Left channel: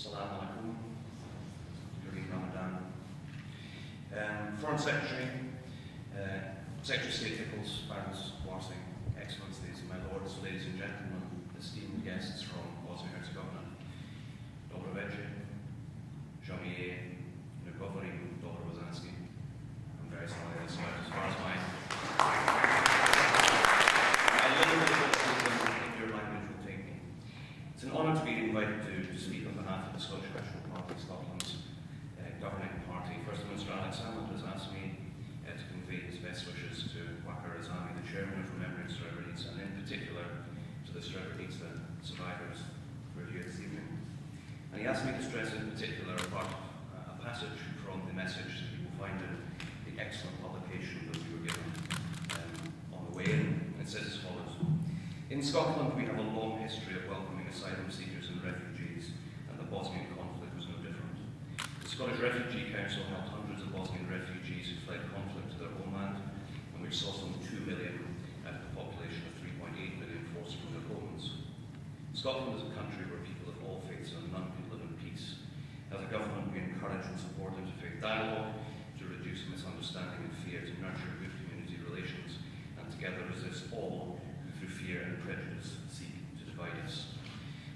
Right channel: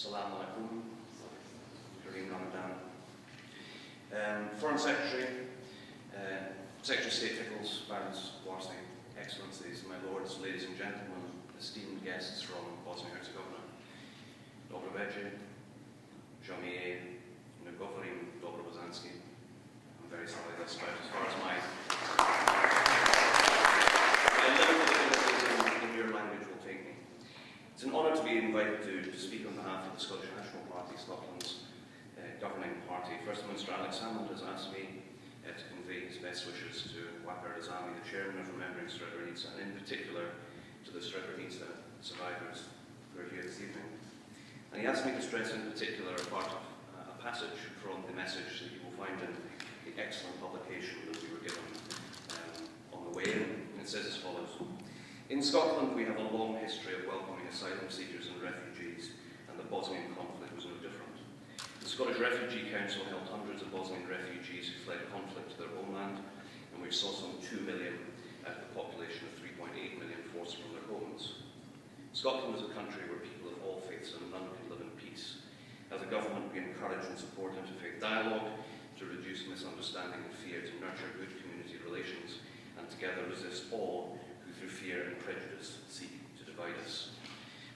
Salam alaikum, during Ramadan. Foreign Secretary, Secretary of State Pickles, Barons, Warsing, Excellencies, my lords, ladies and gentlemen, esteemed guests from Bosnia-Herzegovina, Dobro večer, žao mi je, ne govorim dobro bosanski. I'm very sorry, that's not as far as my limited ability in your language will take me. It's an honour to be invited to speak on behalf of the Scottish National Party, Scotland's governing party. First Minister Alex Salmond has asked me to convey his best wishes to Wakar Azami, the chairman of Remembering Srebrenica, and in particular to the Srebrenica survivors who are here this evening. And he asked me to stress in particular a passage from the message that you will find in the excellent publication that we were given on the way in. And it says as follows: in Scotland we have a long history of welcoming asylum seekers and refugees, and the Bosnian conflict was no different. The Scottish Refugee Council held hundreds of Bosnian refugees who fled conflict to their homeland, and we saw some 2 million out of the population of 3.8 million forced from their homes. Scotland is a country where people of all faiths and none can live in peace. As a government, we encourage and support interfaith dialogue to reduce misunderstanding and fear, to nurture good community relations, and together resist all who through fear and prejudice seek to divide us.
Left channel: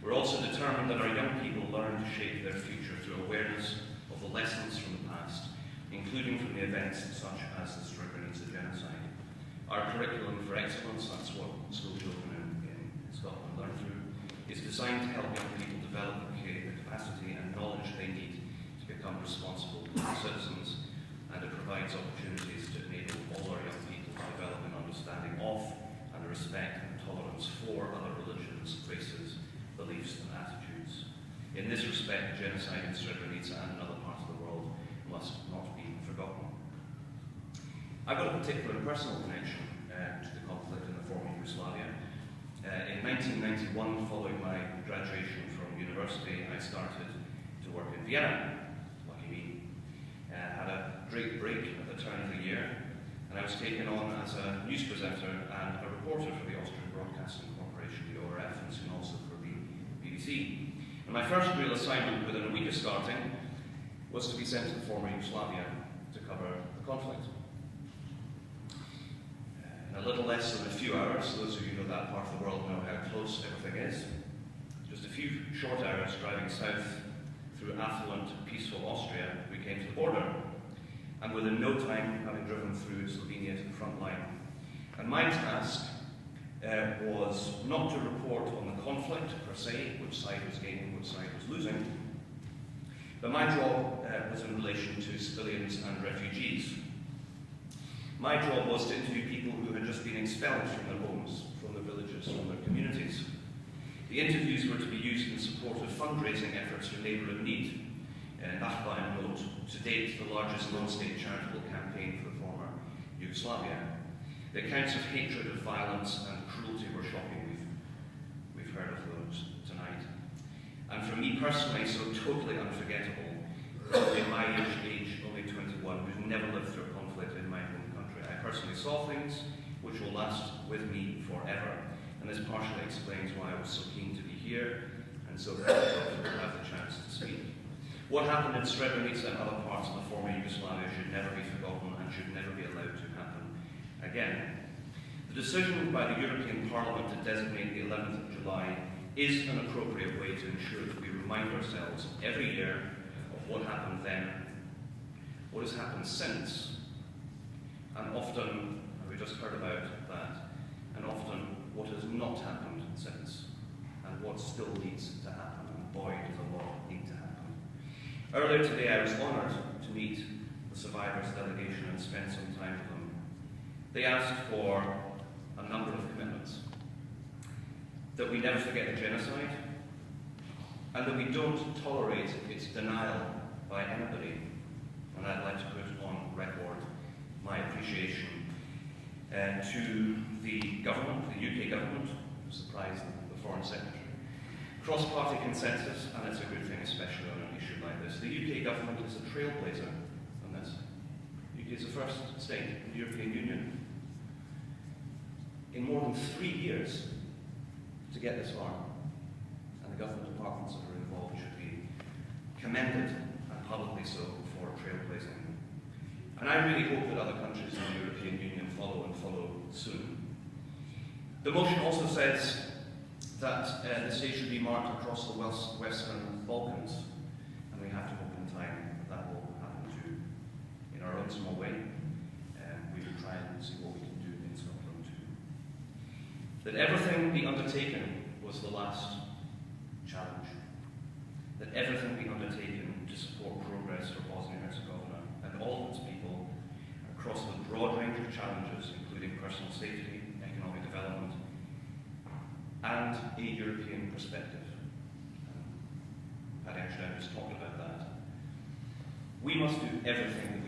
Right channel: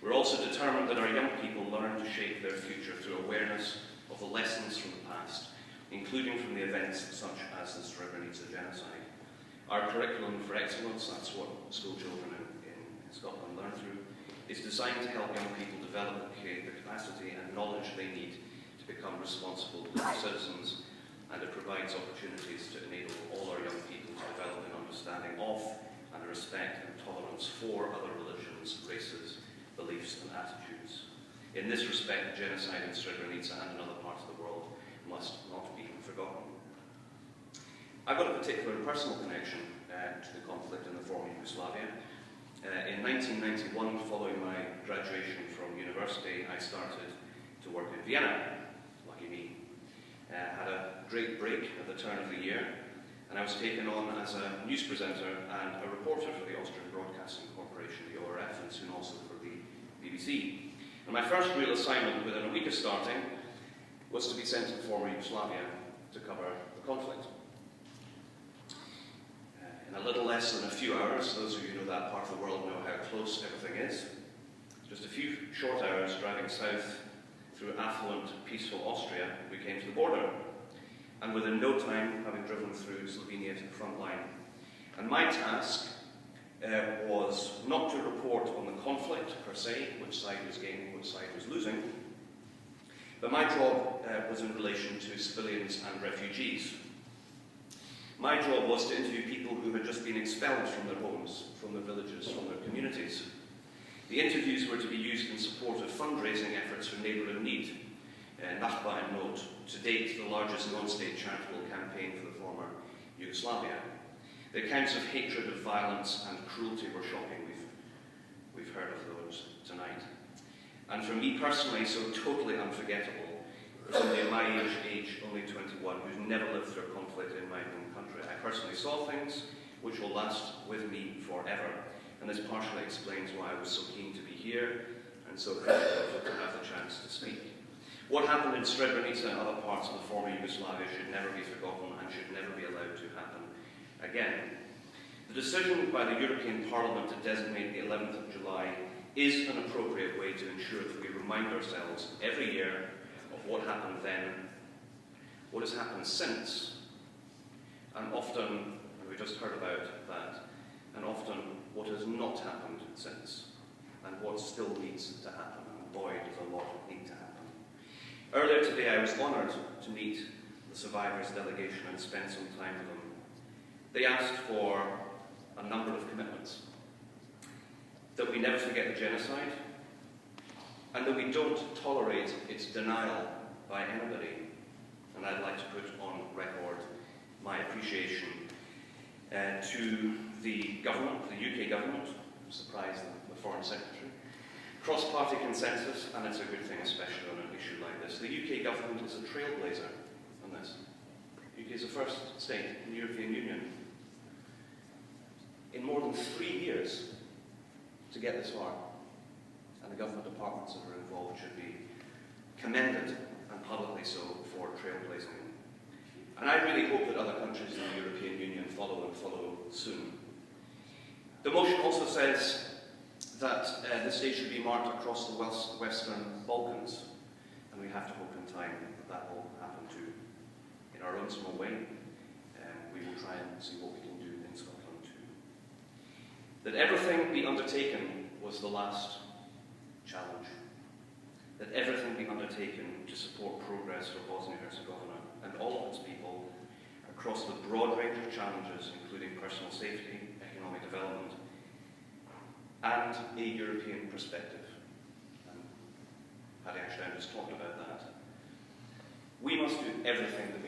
We're also determined that our young people learn to shape their future through awareness of the lessons from the past, including from the events such as the Srebrenica genocide. Our curriculum for excellence, that's what school children in Scotland learn through, is designed to help young people develop the capacity and knowledge they need to become responsible citizens, and it provides opportunities to enable all our young people to develop an understanding of and a respect and tolerance for other religions, races, beliefs and attitudes. In this respect, the genocide in Srebrenica and in other parts of the world must not be forgotten. I've got a particular personal connection to the conflict in the former Yugoslavia. In 1991, following my graduation from university, I started to work in Vienna. Lucky me. Had a great break at the turn of the year, and I was taken on as a news presenter and a reporter for the Austrian Broadcasting Corporation, the ORF, and soon also for the BBC. And my first real assignment within a week of starting was to be sent to the former Yugoslavia to cover the conflict. In a little less than a few hours, those of you who know that part of the world know how close everything is. Just a few short hours driving south through affluent, peaceful Austria, we came to the border. And within no time, having driven through Slovenia to the front line. And my task was not to report on the conflict per se, which side was gaining, which side was losing, but my job was in relation to civilians and refugees. My job was to interview people who had just been expelled from their homes, from their villages, from their communities. The interviews were to be used in support of fundraising efforts for neighbour in need. Nachbar in Note, to date the largest non-state charitable campaign for the former Yugoslavia. The accounts of hatred, of violence and cruelty were shocking. We've heard of those tonight. And for me personally, so totally unforgettable, only my age, only 21, who's never lived through a conflict in my home country. I personally saw things which will last with me forever. And this partially explains why I was so keen to be here and so grateful to have the chance to speak. What happened in Srebrenica and other parts of the former Yugoslavia should never be forgotten and should never be allowed to happen again. The decision by the European Parliament to designate the 11th of July is an appropriate way to ensure that we remind ourselves every year of what happened then, what has happened since, and often, we just heard about that, and often what has not happened since, and what still needs to happen, and boy, does a lot need to happen. Earlier today, I was honoured to meet the survivors' delegation and spend some time with them. They asked for a number of commitments. That we never forget the genocide, and that we don't tolerate its denial by anybody. And I'd like to put on record my appreciation to the government, the UK government, surprised the Foreign Secretary, cross-party consensus, and it's a good thing, especially on an issue like this. The UK government is a trailblazer on this. The UK is the first state in the European Union in more than 3 years to get this far. And the government departments that are involved should be And I really hope that other countries in the European Union follow and follow soon. The motion also says that this day should be marked across the Western Balkans, and we have to hope in time that that will happen too. In our own small way, we will try and see what we can do in Scotland too. That everything be undertaken was the last challenge. That everything be undertaken to support progress for Bosnia-Herzegovina and all of its people across the broad range of challenges, including personal safety, economic development, and a European perspective. Paddy actually just talked about that. We must do everything that